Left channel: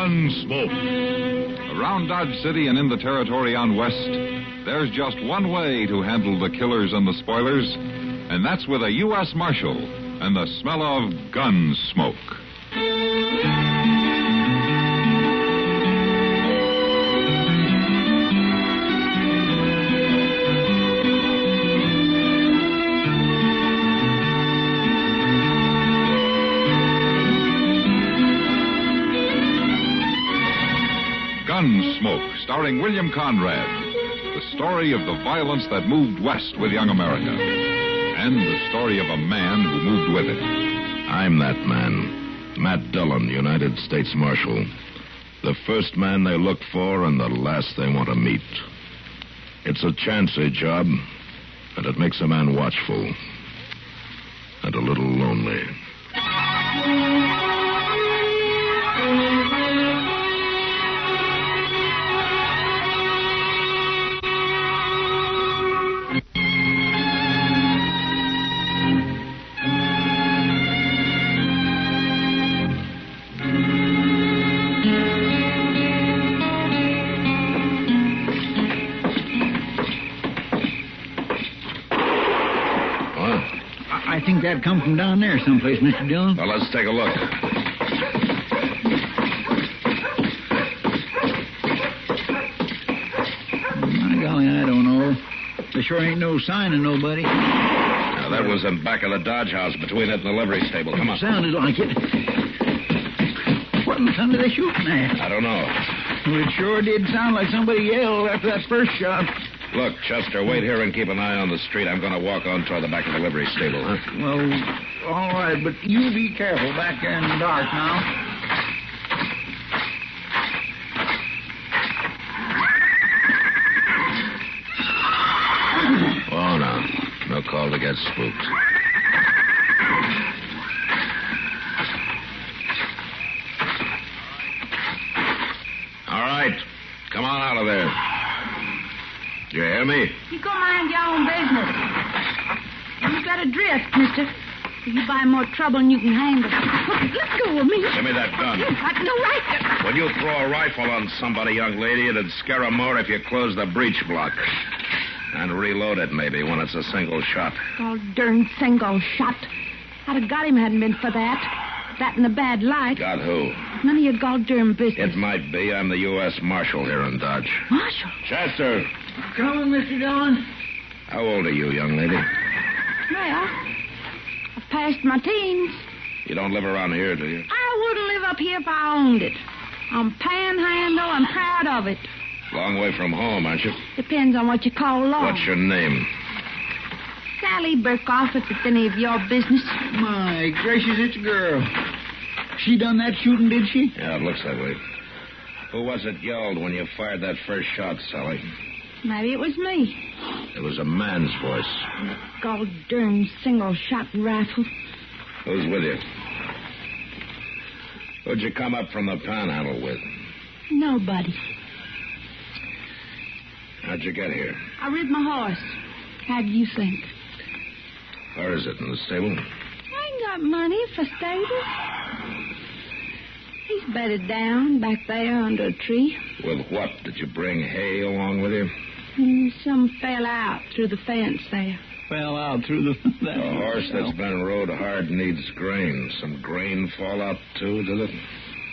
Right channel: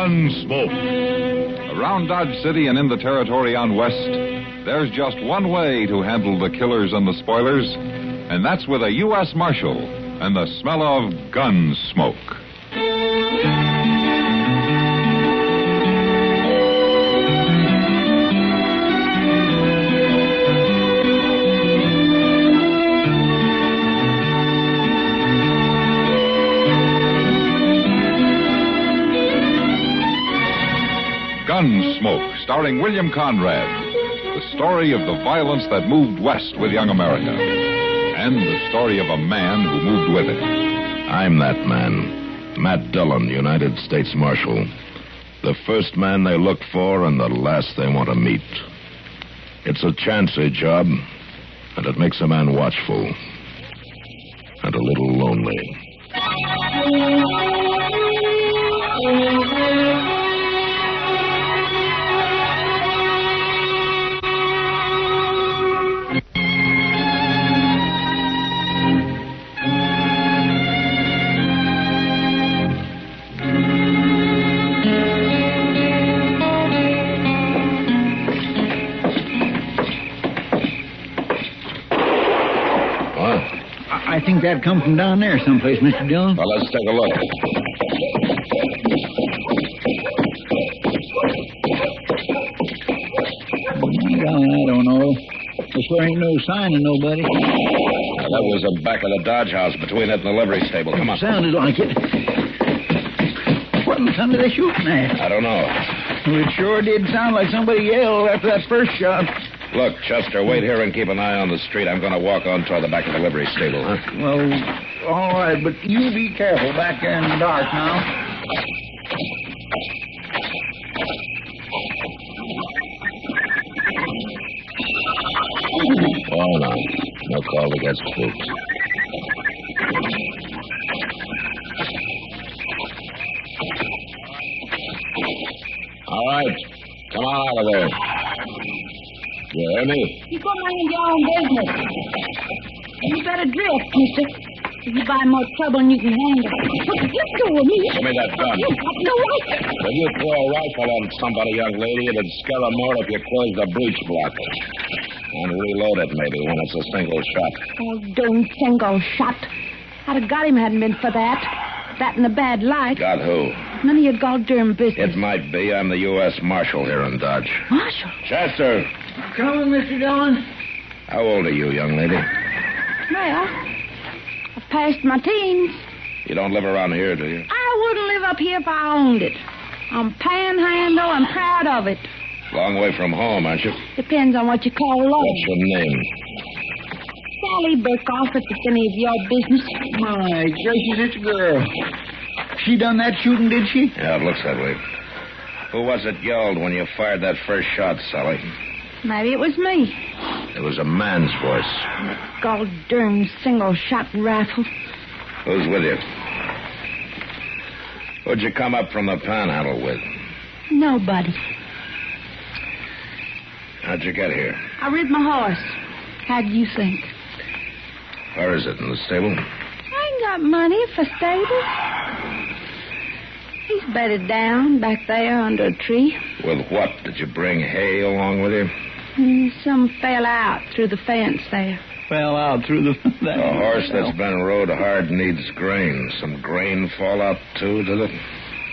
Gunsmoke. Around Dodge City and in the territory on West, there's just one way to handle the killers and the spoilers, and that's with a U.S. Marshal and the smell of gun smoke. Gunsmoke, starring William Conrad. The story of the violence that moved west with young America. And the story of a man who moved with it. I'm that man. Matt Dillon, United States Marshal. The first man they look for and the last they want to meet. It's a chancy job, and it makes a man watchful. And a little lonely. I think that come from down there someplace, Mr. Dillon. Well, let's take a look. My golly, I don't know. There sure ain't no sign of nobody. Now, that was in back of the Dodge house between it and the livery stable. Come on. Sounded like it. What in the thunder are they shooting at? I don't know. Well, it sure did sound like somebody yelled after that first shot. Look, Chester, wait here and keep an eye on the street. I'm going to walk on toward the back of the livery stable, huh? Well, all right, but you be careful back there in the dark now. Oh, no. No call to get spooked. All right. Come on out of there. You hear me? You go mind your own business. You better drift, mister. If you buy more trouble than you can handle. Let go of me. Give me that gun. You've got no right. When you throw a rifle on somebody, young lady, it'd scare 'em more if you close the breech block. And reload it, maybe, when it's a single shot. Oh, darn single shot. I'd have got him hadn't been for that. That in a bad light. Got who? None of your goddamn business. It might be. I'm the U.S. Marshal here in Dodge. Marshal? Chester! Coming, Mr. Dillon. How old are you, young lady? Well, I've passed my teens. You don't live around here, do you? I wouldn't live up here if I owned it. I'm panhandle. I'm proud of it. Long way from home, aren't you? Depends on what you call long. What's your name? Sally Burkoff, if it's any of your business. My gracious, it's a girl. She done that shooting, did she? Yeah, it looks that way. Who was it yelled when you fired that first shot, Sally? Maybe it was me. It was a man's voice. That goddamn single-shot rifle. Who's with you? Who'd you come up from the panhandle with? Nobody. How'd you get here? I rid my horse. How do you think? Where is it, in the stable? I ain't got money for stable. He's bedded down back there under a tree. With what? Did you bring hay along with you? Some fell out through the fence there. Fell out through the... A horse that's been rode hard needs grain. Some grain fall out, too, did it?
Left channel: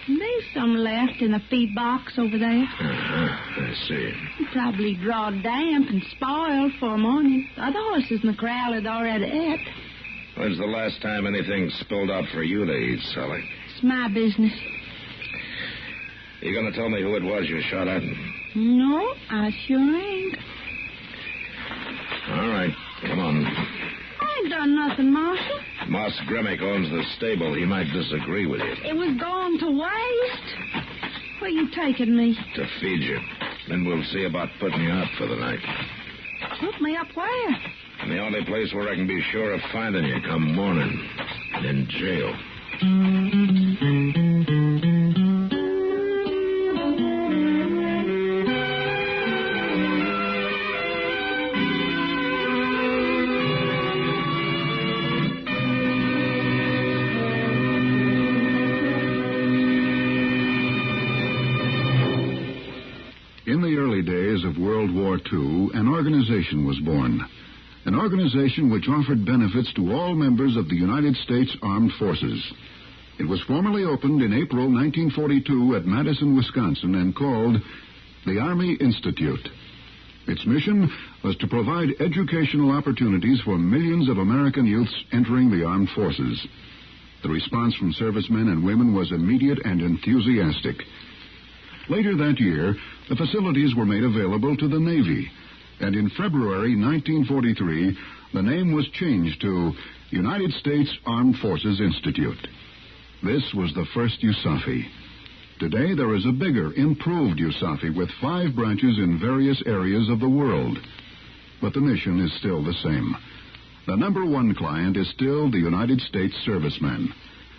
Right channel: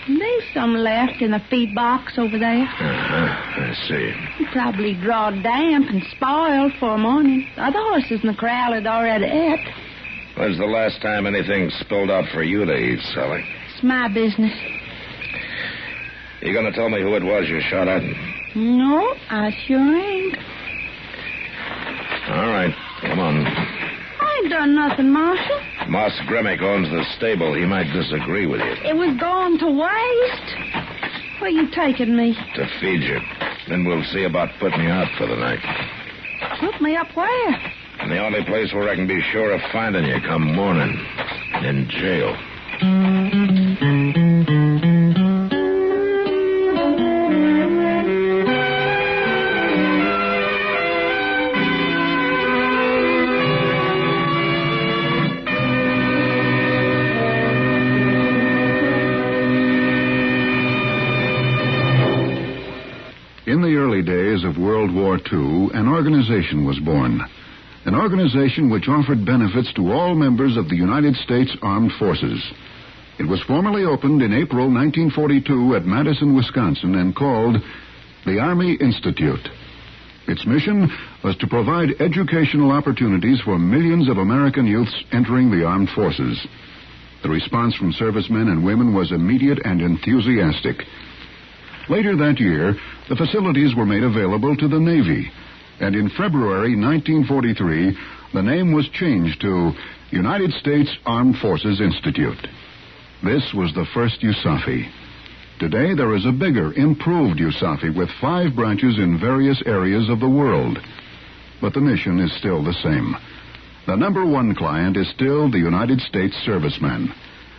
There's some left in the feed box over there. I see. He probably drawed damp and spoiled for morning. The other horses in the corral had already ate. When's the last time anything spilled out for you to eat, Sally? It's my business. You gonna tell me who it was you shot at? No, I sure ain't. All right, come on. I ain't done nothing, Marshal. Moss Grimmick owns the stable. He might disagree with you. It was going to waste. Where you taking me? To feed you. Then we'll see about putting you out for the night. Put me up where? And the only place where I can be sure of finding you come morning. In jail. In the early days of World War II, an organization was born. An organization which offered benefits to all members of the United States Armed Forces. It was formally opened in April 1942 at Madison, Wisconsin, and called the Army Institute. Its mission was to provide educational opportunities for millions of American youths entering the armed forces. The response from servicemen and women was immediate and enthusiastic. Later that year, the facilities were made available to the Navy, and in February 1943, the name was changed to United States Armed Forces Institute. This was the first USAFI. Today, there is a bigger, improved USAFI with 5 branches in various areas of the world. But the mission is still the same. The number one client is still the United States serviceman,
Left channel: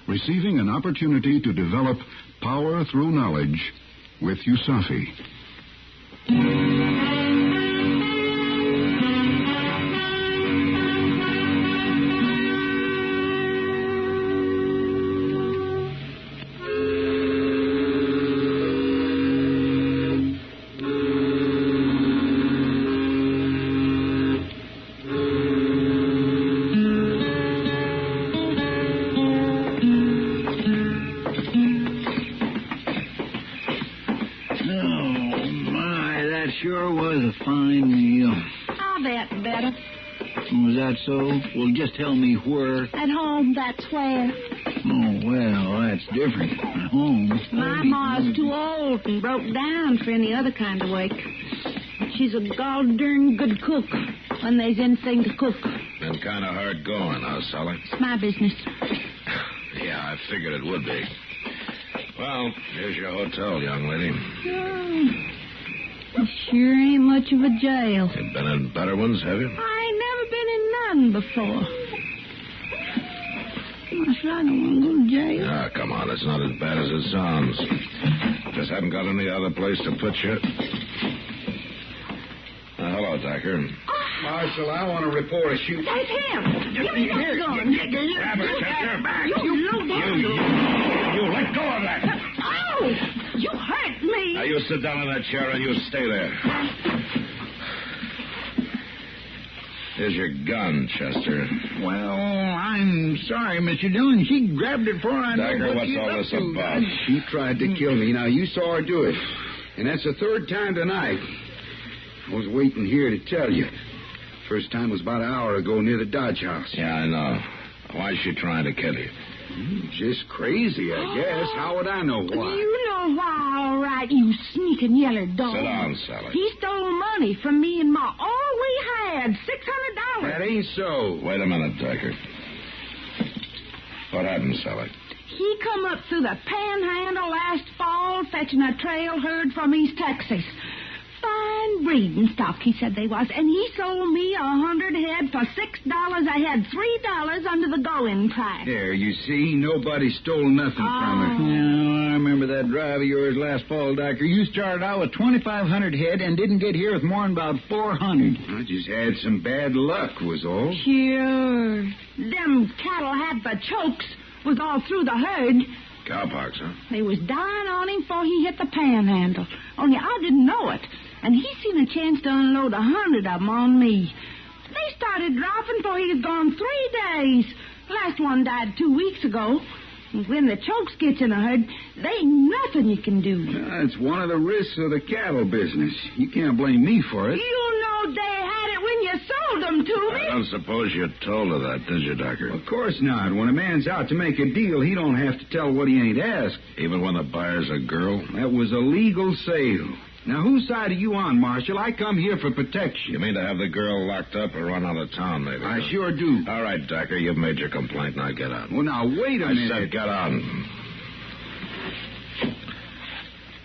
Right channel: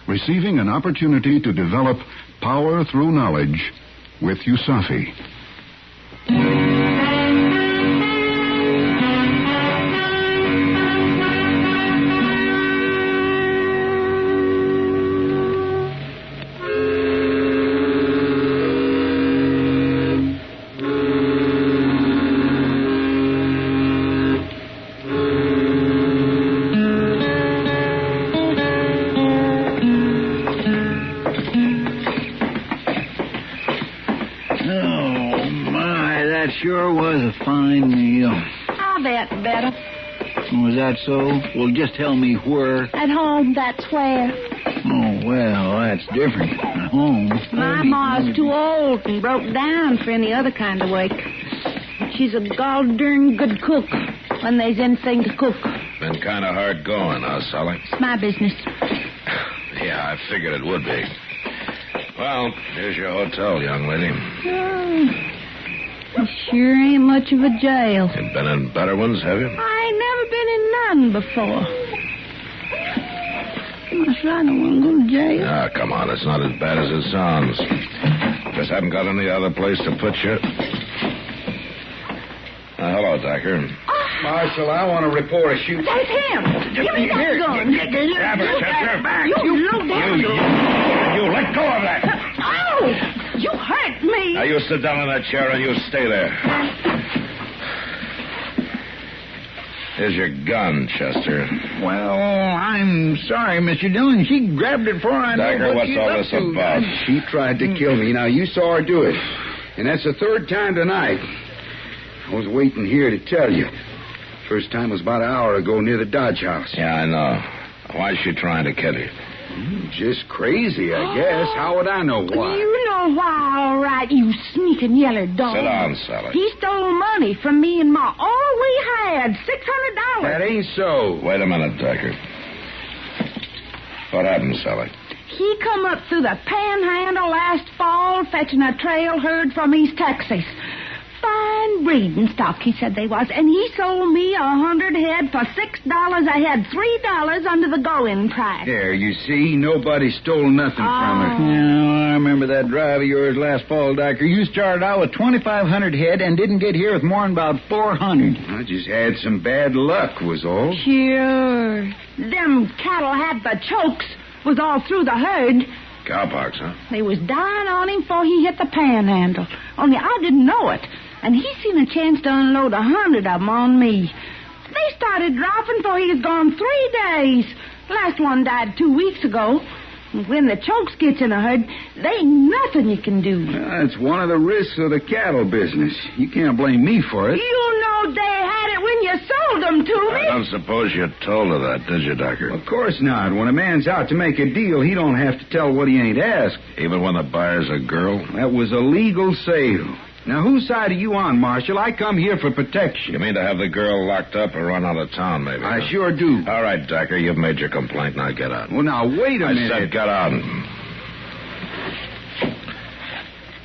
receiving an opportunity to develop power through knowledge with USAFI. Sure was a fine meal. I bet better. Was that so? Well, just tell me where. At home, that's where. Oh, well, that's different. At home. My ma's too old and broke down for any other kind of work. She's a gall-darn good cook when there's anything to cook. Been kind of hard going, huh, Sally? It's my business. Yeah, I figured it would be. Well, here's your hotel, young lady. Oh. It sure ain't much of a jail. You've been in better ones, have you? I ain't never been in none before. Marshal, I don't want to go to jail. Ah, come on. It's not as bad as it sounds. Just haven't got any other place to put you. Hello, Decker. Marshal, I want to report a shoot. That's him. Give me that gun. Grab her, Chester. Back. You low down. You let go of that. Oh, you hurt me. Now, you sit down in that chair and you stay there. Here's your gun, Chester. Well, I'm sorry, Mr. Dillon. She grabbed it before I Decker, know what what's she's all up this to. about? She tried to kill me. Now, you saw her do it. And that's the third time tonight. I was waiting here to tell you. First time was about an hour ago near the Dodge House. Yeah, I know. Why is she trying to kill you? Just crazy, I guess. How would I know why? You know why, all right, you sneaking yeller dog. Sit down, Sally. He stole money from me and Ma. All we had, $600. That ain't so. Wait a minute, Decker. What happened, Sally? He come up through the panhandle last fall fetching a trail herd from East Texas. Fine breeding stock, he said they was. And he sold me 100 head for $6 a head, $3 under the going price. There, you see, nobody stole nothing from her. Yeah, I remember that drive of yours last fall, Doctor. You started out with 2,500 head and didn't get here with more than about 400. I just had some bad luck, was all. Sure. Them cattle had the chokes, was all through the herd. Cowpox, huh? They was dying on him before he hit the panhandle. Only I didn't know it. And he seen a chance to unload 100 of them on me. They started dropping before he was gone 3 days. Last one died 2 weeks ago. And when the chokes gets in a herd, there ain't nothing you can do. That's one of the risks of the cattle business. You can't blame me for it. You know they had it when you sold them to me. I don't suppose you told her that, did you, Decker? Of course not. When a man's out to make a deal, he don't have to tell what he ain't asked. Even when the buyer's a girl? That was a legal sale. Now, whose side are you on, Marshal? I come here for protection. You mean to have the girl locked up or run out of town, maybe? I huh? sure do. All right, Decker, you've made your complaint. Now get out. Well, now, wait a minute. I said get out.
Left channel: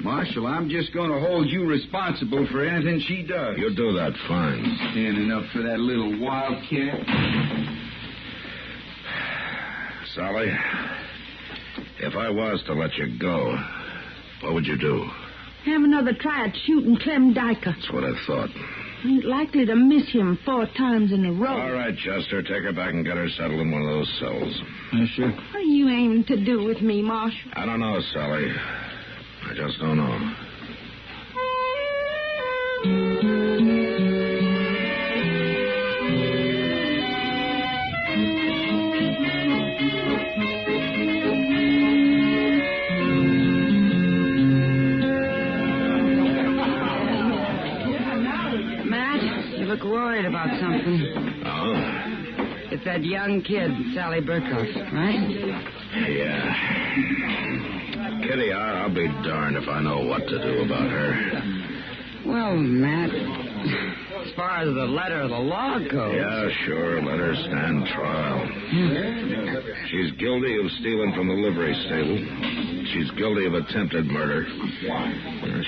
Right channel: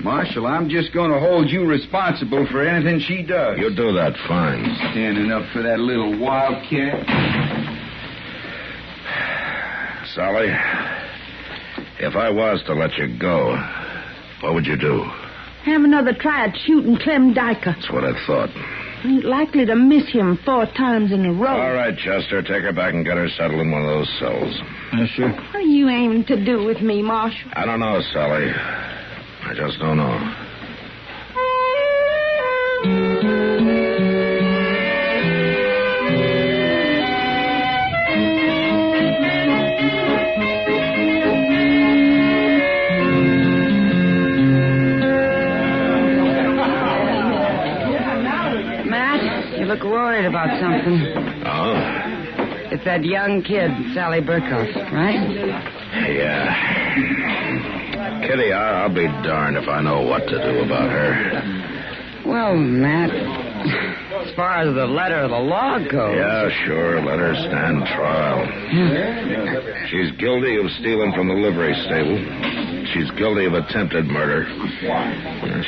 Marshal, I'm just going to hold you responsible for anything she does. You do that fine. Standing up for that little wildcat. Sally, if I was to let you go, what would you do? Have another try at shooting Clem Dyker. That's what I thought. Ain't likely to miss him 4 times in a row. All right, Chester, take her back and get her settled in one of those cells. Yes, sir. What are you aiming to do with me, Marshal? I don't know, Sally. I just don't know. You look worried about something. Oh? It's that young kid, Sally Burkhoff, right? Yeah. Kitty, I'll be darned if I know what to do about her. Well, Matt, as far as the letter of the law goes... Yeah, sure. Let her stand trial. She's guilty of stealing from the livery stable. She's guilty of attempted murder.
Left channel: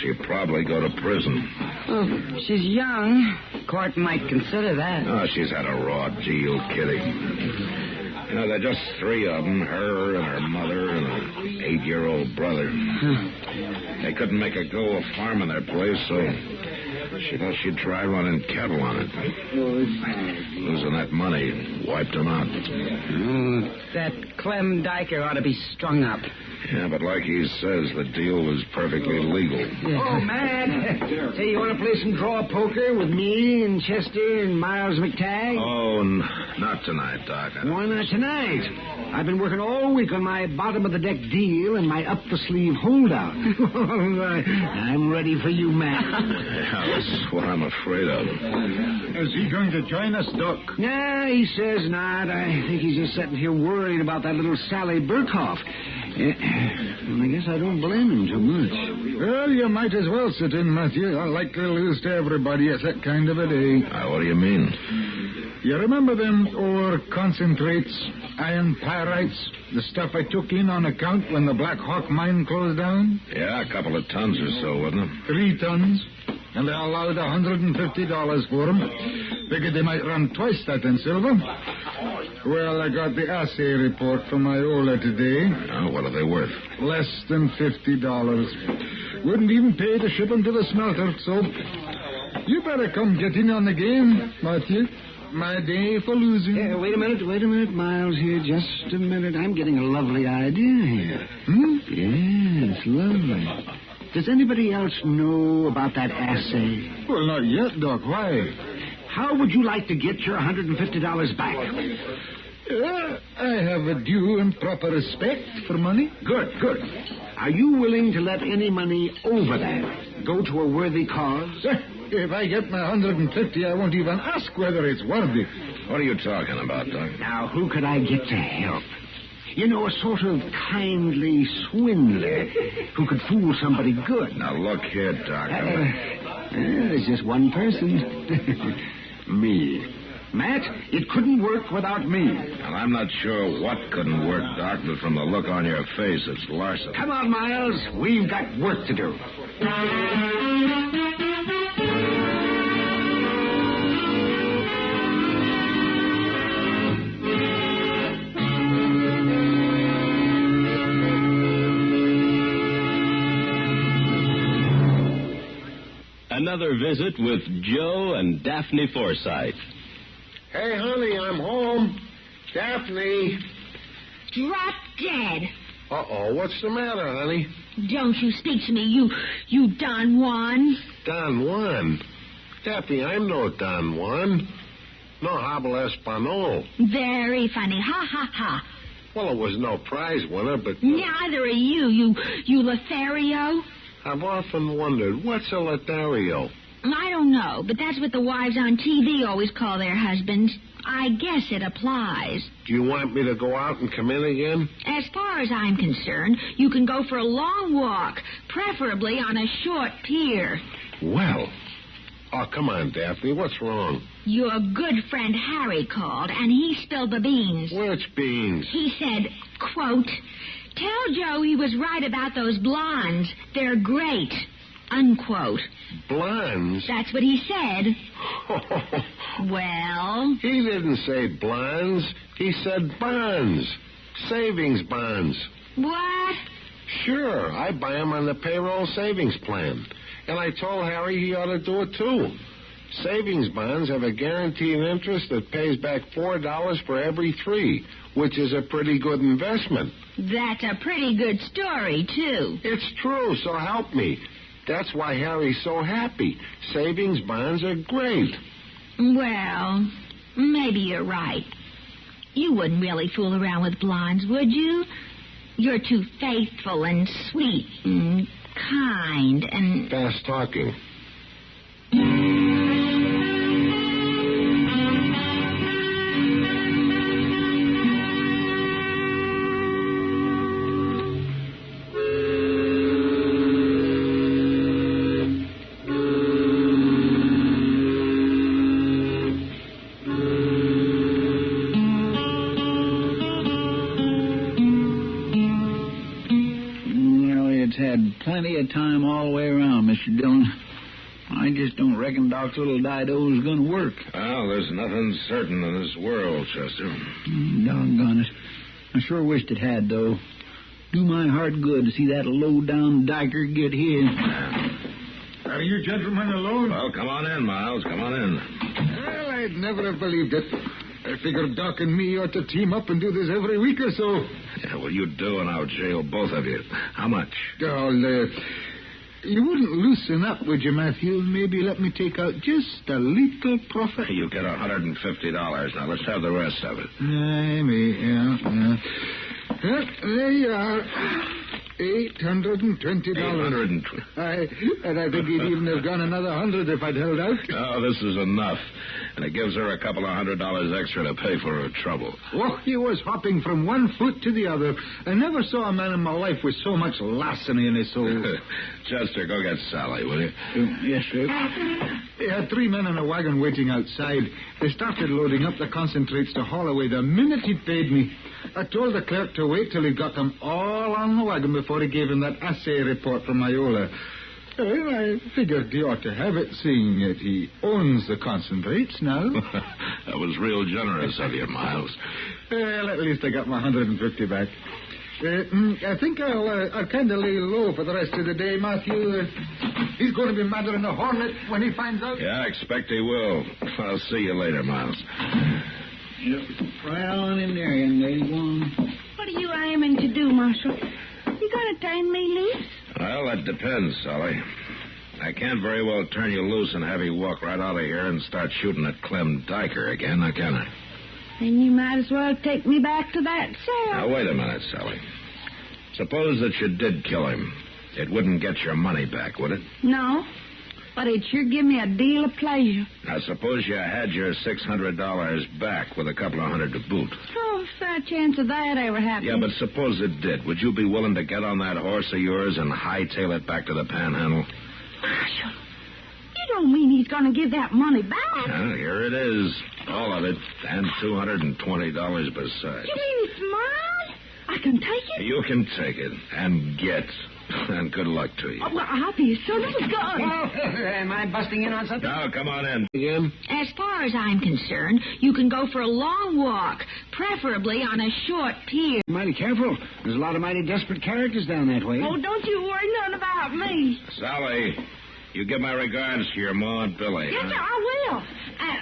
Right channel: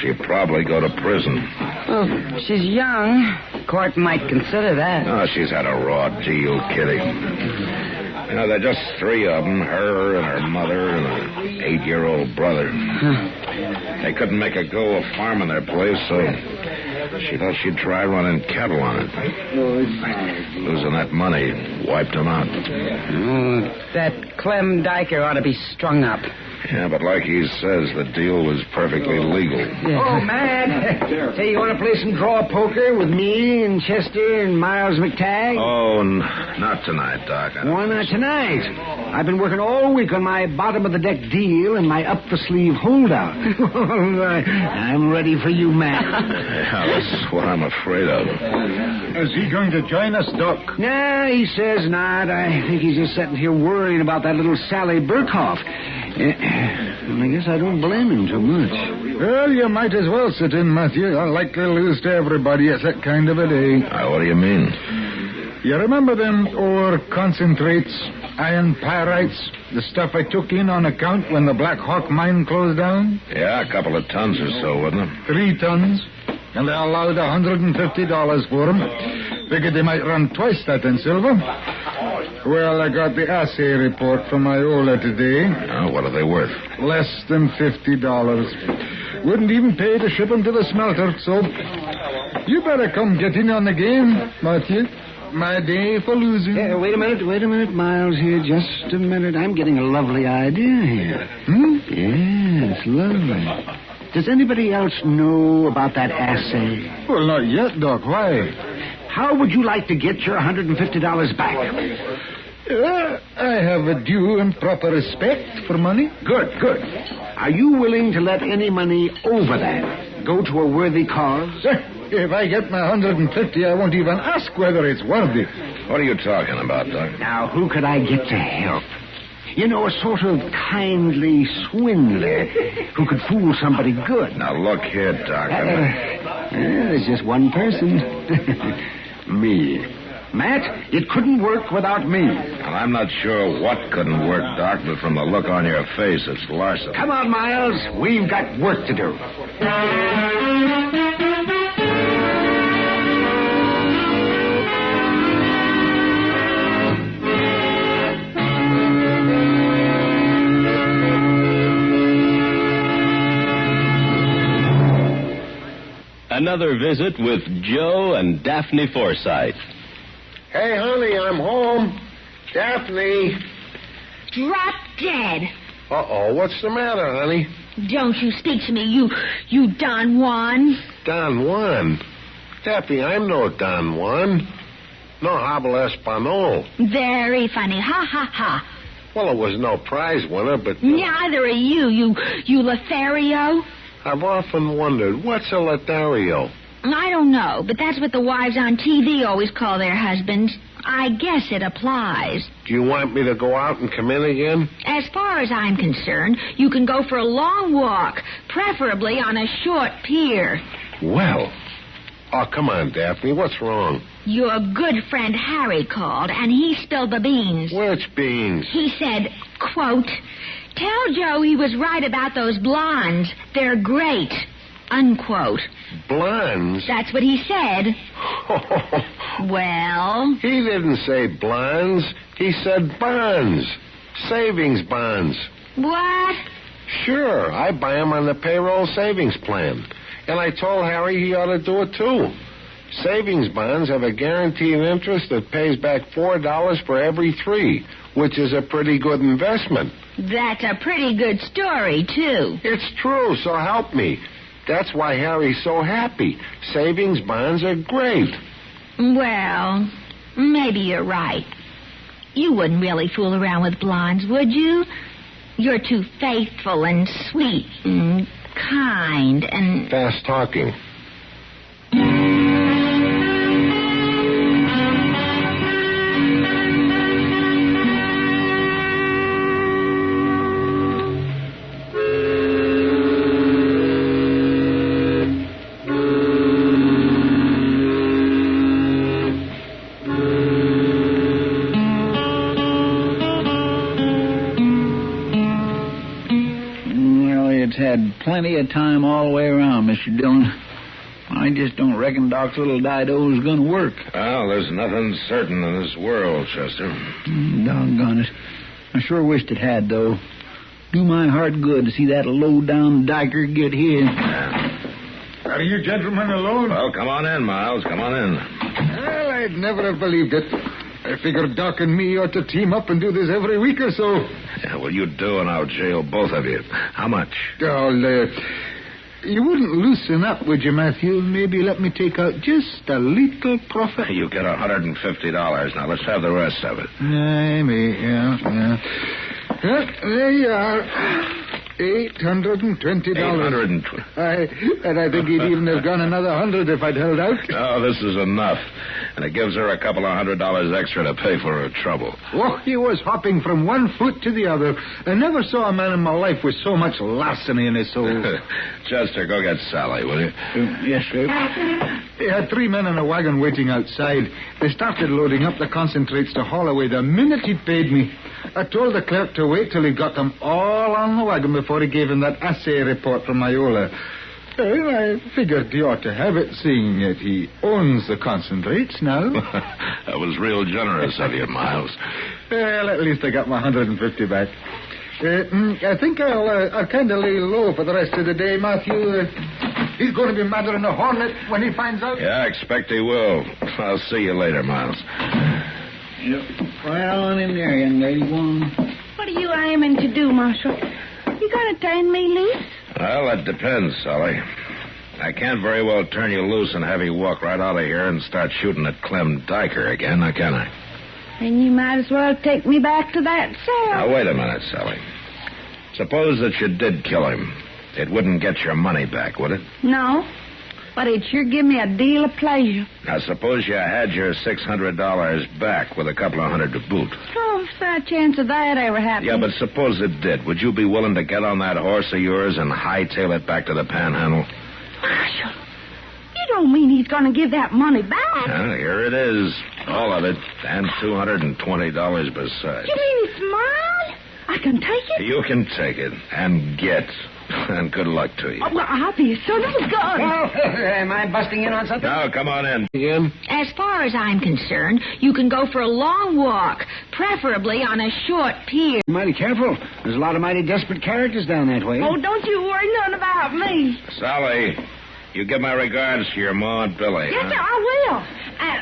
She'll probably go to prison. Well, she's young. Court might consider that. Oh, she's had a raw deal, Kitty. You know, there are just three of them, her and her mother and an 8-year-old brother. They couldn't make a go of farming their place, so she thought she'd try running cattle on it. Losing that money wiped them out. That Clem Diker ought to be strung up. Yeah, but like he says, the deal was perfectly legal. Yeah. Oh, Matt. Hey, you want to play some draw poker with me and Chester and Miles McTagg? Oh, not tonight, Doc. Why not tonight? I've been working all week on my bottom-of-the-deck deal and my up-the-sleeve holdout. I'm ready for you, Matt. Yeah, that's what I'm afraid of. Is he going to join us, Doc? Nah, he says not. I think he's just sitting here worrying about that little Sally Burkhoff. Well, I guess I don't blame him too much. Well, you might as well sit in, Matthew. I'll likely lose to everybody. It's that kind of a day. What do you mean? You remember them ore concentrates, iron pyrites, the stuff I took in on account when the Black Hawk mine closed down? Yeah, a couple of tons or so, wasn't it? 3 tons. And they allowed $150 for them. Figured they might run twice that in silver. Well, I got the assay report from Iola today. What are they worth? Less than $50. Wouldn't even pay to ship them to the smelter, so you better come get in on the game, Matthew. My day for losing. Wait a minute, Miles, here. Just a minute. I'm getting a lovely idea here. Yes, lovely. Does anybody else know about that assay? Well, not yet, Doc. Why? How would you like to get your $150 back? I have a due and proper respect for money. Good. Are you willing to let any money over that go to a worthy cause? If I get my $150, I won't even ask whether it's worthy. What are you talking about, Doc? Now, who could I get to help? You know, a sort of kindly swindler who could fool somebody good. Now, look here, Doc. There's just one person. Me. Matt, it couldn't work without me. Well, I'm not sure what couldn't work, Doc, but from the look on your face, it's larceny. Come on, Miles. We've got work to do. Another visit with Joe and Daphne Forsythe. Hey, honey, I'm home. Daphne. Drop dead. Uh-oh, what's the matter, honey? Don't you speak to me, you Don Juan. Don Juan? Daphne, I'm no Don Juan. No habla español. Very funny. Ha, ha, ha. Well, it was no prize winner, but... Neither are you Lothario. I've often wondered, what's a Lothario? I don't know, but that's what the wives on TV always call their husbands. I guess it applies. Do you want me to go out and come in again? As far as I'm concerned, you can go for a long walk, preferably on a short pier. Well. Oh, come on, Daphne. What's wrong? Your good friend Harry called, and he spilled the beans. Which beans? He said, quote, "Tell Joe he was right about those blondes. They're great." Unquote. Blondes? That's what he said. Well? He didn't say blondes. He said bonds. Savings bonds. What? Sure. I buy them on the payroll savings plan. And I told Harry he ought to do it, too. Savings bonds have a guaranteed interest that pays back $4 for every 3, which is a pretty good investment. That's a pretty good story, too. It's true, so help me. That's why Harry's so happy. Savings bonds are great. Well, maybe you're right. You wouldn't really fool around with blondes, would you? You're too faithful and sweet and kind and... Fast talking. Had plenty of time all the way around, Mr. Dillon. I just don't reckon Doc's little Dido's going to work. Well, there's nothing certain in this world, Chester. Doggone it. I sure wished it had, though. Do my heart good to see that low-down dyker get his. Are you gentlemen alone? Well, come on in, Miles. Come on in. Well, I'd never have believed it. I figured Doc and me ought to team up and do this every week or so. Yeah, well, you do, and I'll jail both of you. How much? Oh, you wouldn't loosen up, would you, Matthew? Maybe let me take out just a little profit. You get $150. Now, let's have the rest of it. Maybe, yeah. Well, there you are. $820. $820. And I think he'd even have gone another $100 if I'd held out. Oh, this is enough. And it gives her a couple of $100 extra to pay for her trouble. Oh, he was hopping from one foot to the other. I never saw a man in my life with so much larceny in his soul. Chester, go get Sally, will you? Yes, sir. He had 3 men in a wagon waiting outside. They started loading up the concentrates to haul away the minute he'd paid me. I told the clerk to wait till he got them all on the wagon before he gave him that assay report from Iola. Well, I figured he ought to have it, seeing that he owns the concentrates now. That was real generous of you, Miles. Well, at least I got my $150 back. I think I'll kind of lay low for the rest of the day, Matthew. He's going to be madder than a hornet when he finds out. Yeah, I expect he will. I'll see you later, Miles. Yep. Right on in there, young lady. Go on. What are you aiming to do, Marshal? You going to turn me loose? Well, that depends, Sally. I can't very well turn you loose and have you walk right out of here and start shooting at Clem Diker again, now can I? Then you might as well take me back to that cell. Now, wait a minute, Sally. Suppose that you did kill him. It wouldn't get your money back, would it? No, but it'd sure give me a deal of pleasure. Now, suppose you had your $600 back with a couple of $100 to boot. Oh, if there's a chance of that ever happening. Yeah, but suppose it did. Would you be willing to get on that horse of yours and hightail it back to the Panhandle? Marshal, you don't mean he's going to give that money back? Well, here it is. All of it. And $220 besides. You mean it's mine? I can take it? You can take it and get. And good luck to you. Oh, well, I'll be a son of a gun. Oh, am I busting in on something? Now, come on in. As far as I'm concerned, you can go for a long walk, preferably on a short pier. Mighty careful. There's a lot of mighty desperate characters down that way. Oh, don't you worry none about me. Sally, you give my regards to your Ma and Billy. Yes, sir, I will.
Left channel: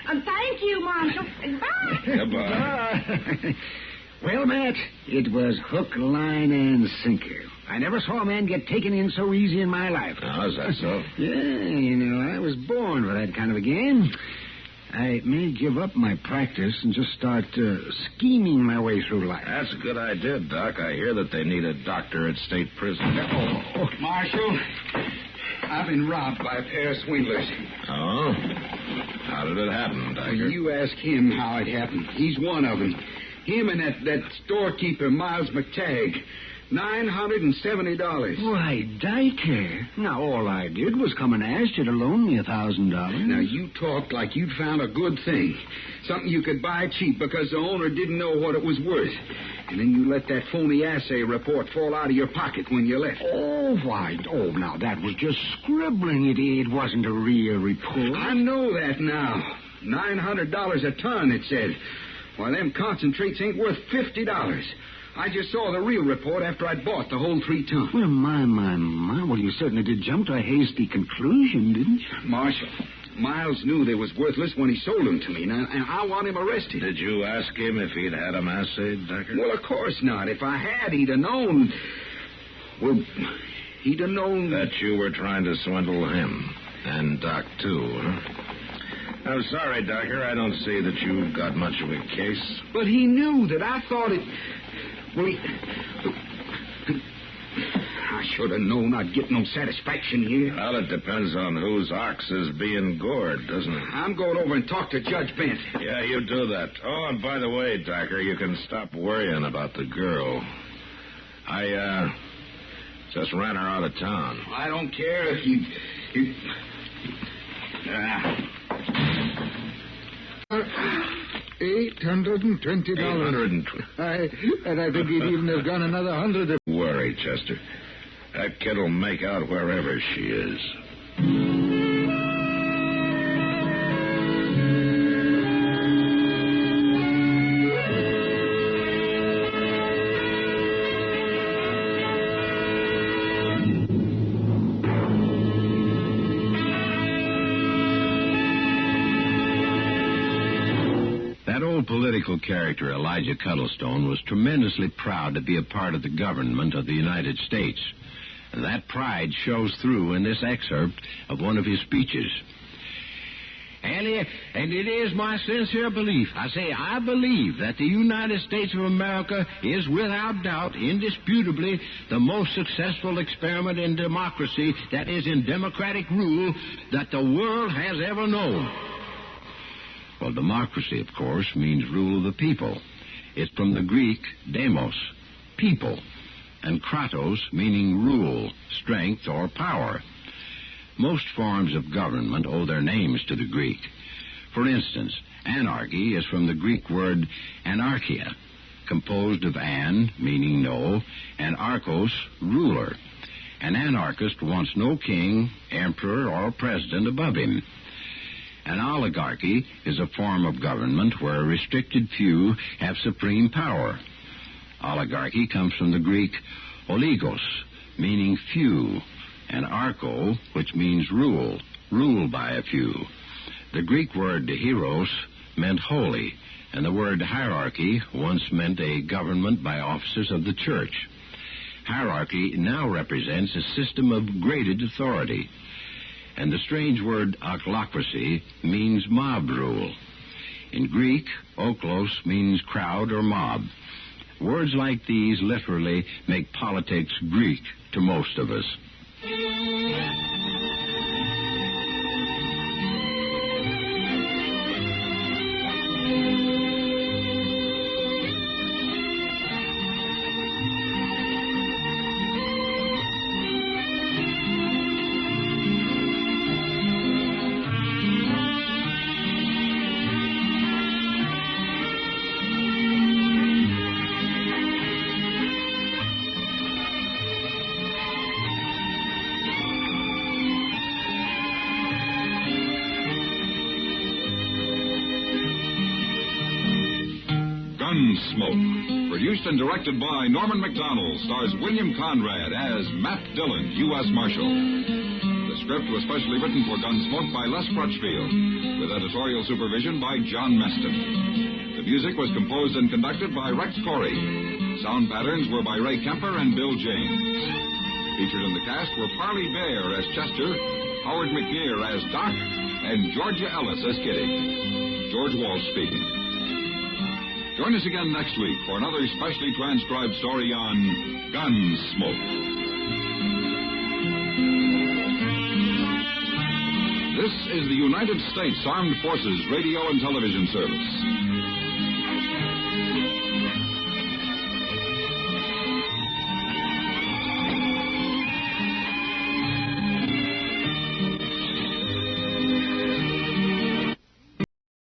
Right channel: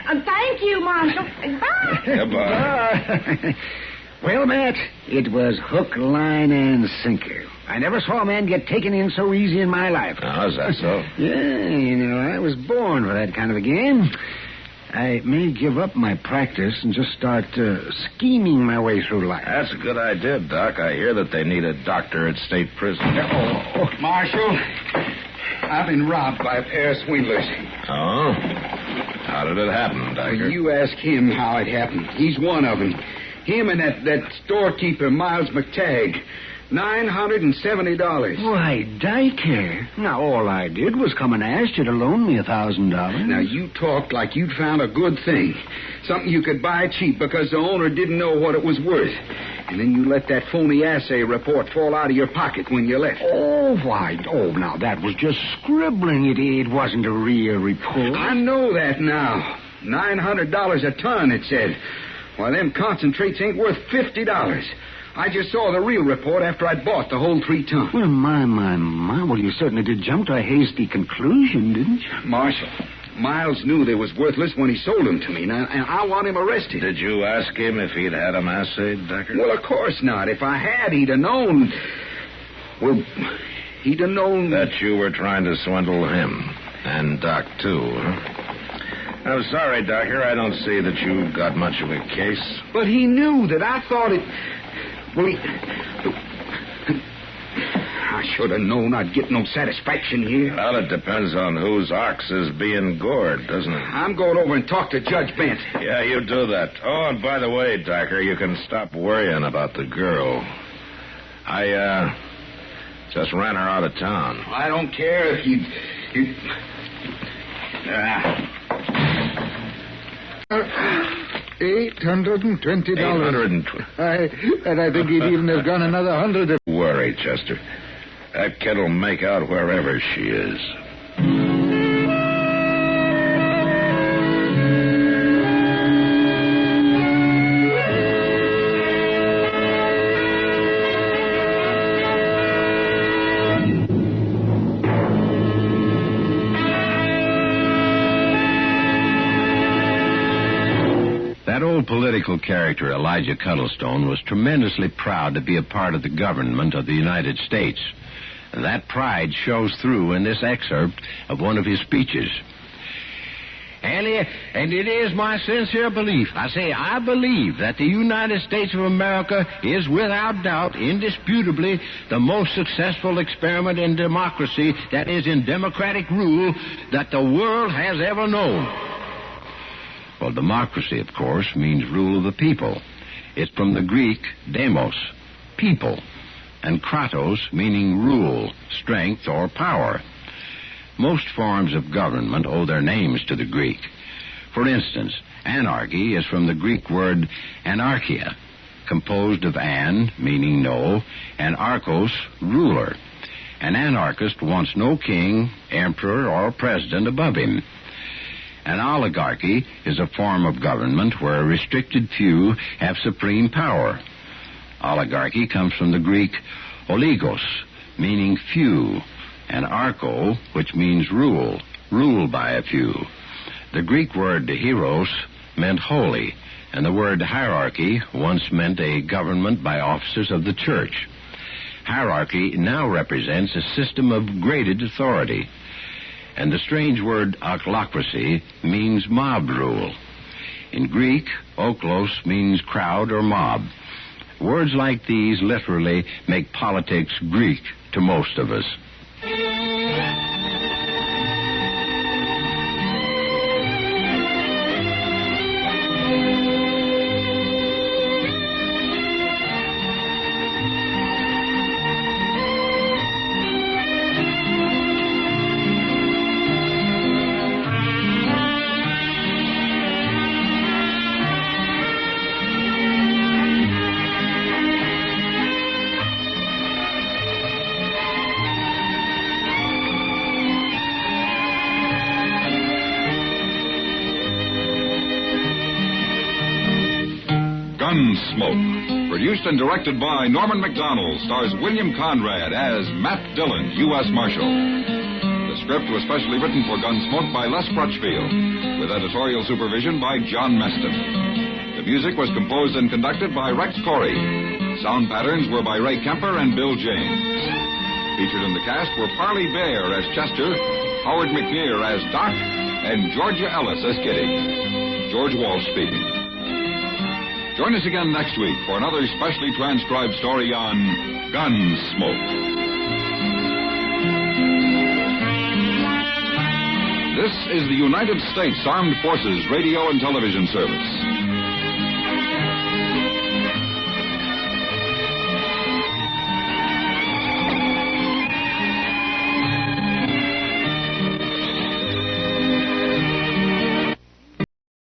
And thank you, Marshal. Bye. Goodbye. Well, Matt, it was hook, line, and sinker. I never saw a man get taken in so easy in my life. Oh, is that so? Yeah, you know, I was born for that kind of a game. I may give up my practice and just start scheming my way through life. That's a good idea, Doc. I hear that they need a doctor at state prison. Oh, Marshal, I've been robbed by a pair of swindlers. Oh? How did it happen, Diker? You ask him how it happened. He's one of them. Him and that storekeeper, Miles McTagg. $970. Why, Diker. Now, all I did was come and ask you to loan me $1,000. Now, you talked like you'd found a good thing. Something you could buy cheap because the owner didn't know what it was worth. And then you let that phony assay report fall out of your pocket when you left. Oh, why? Oh, now, that was just scribbling. It wasn't a real report. I know that now. $900 a ton, it said. Why, them concentrates ain't worth $50. I just saw the real report after I'd bought the whole 3 ton. Well, my. Well, you certainly did jump to a hasty conclusion, didn't you? Marshal, Miles knew they was worthless when he sold them to me, and I want him arrested. Did you ask him if he'd had them assayed, Decker? Well, of course not. If I had, he'd have known. Well, he'd have known... That you were trying to swindle him. And Doc, too, huh? I'm sorry, Docker. I don't see that you got much of a case. But he knew that I thought it... Well, I should have known I'd get no satisfaction here. Well, it depends on whose ox is being gored, doesn't it? I'm going over and talk to Judge Bent. Yeah, you do that. Oh, and by the way, Docker, you can stop worrying about the girl. I just ran her out of town. I don't care if you... $820. $820. And I think he'd even have gone another 100 if... Worry, Chester. That kid'll make out wherever she is. That old political character, Elijah Cuttlestone, was tremendously proud to be a part of the government of the United States. And that pride shows through in this excerpt of one of his speeches. And it is my sincere belief, I believe that the United States of America is without doubt, indisputably, the most successful experiment in democracy, that is, in democratic rule, that the world has ever known. Well, democracy, of course, means rule of the people. It's from the Greek demos, people, and kratos, meaning rule, strength, or power. Most forms of government owe their names to the Greek. For instance, anarchy is from the Greek word anarchia, composed of an, meaning no, and archos, ruler. An anarchist wants no king, emperor, or president above him. An oligarchy is a form of government where a restricted few have supreme power. Oligarchy comes from the Greek oligos, meaning few, and archo, which means rule, ruled by a few. The Greek word hieros meant holy, and the word hierarchy once meant a government by officers of the church. Hierarchy now represents a system of graded authority. And the strange word ochlocracy means mob rule. In Greek, oklos means crowd or mob. Words like these literally make politics Greek to most of us. Gunsmoke, produced and directed by Norman MacDonnell, stars William Conrad as Matt Dillon, U.S. Marshal. The script was specially written for Gunsmoke by Les Crutchfield, with editorial supervision by John Meston. The music was composed and conducted by Rex Corey. Sound patterns were by Ray Kemper and Bill James. Featured in the cast were Parley Baer as Chester, Howard McNear as Doc, and Georgia Ellis as Kitty. George Walsh speaking. Join us again next week for another specially transcribed story on Gunsmoke. This is the United States Armed Forces Radio and Television Service.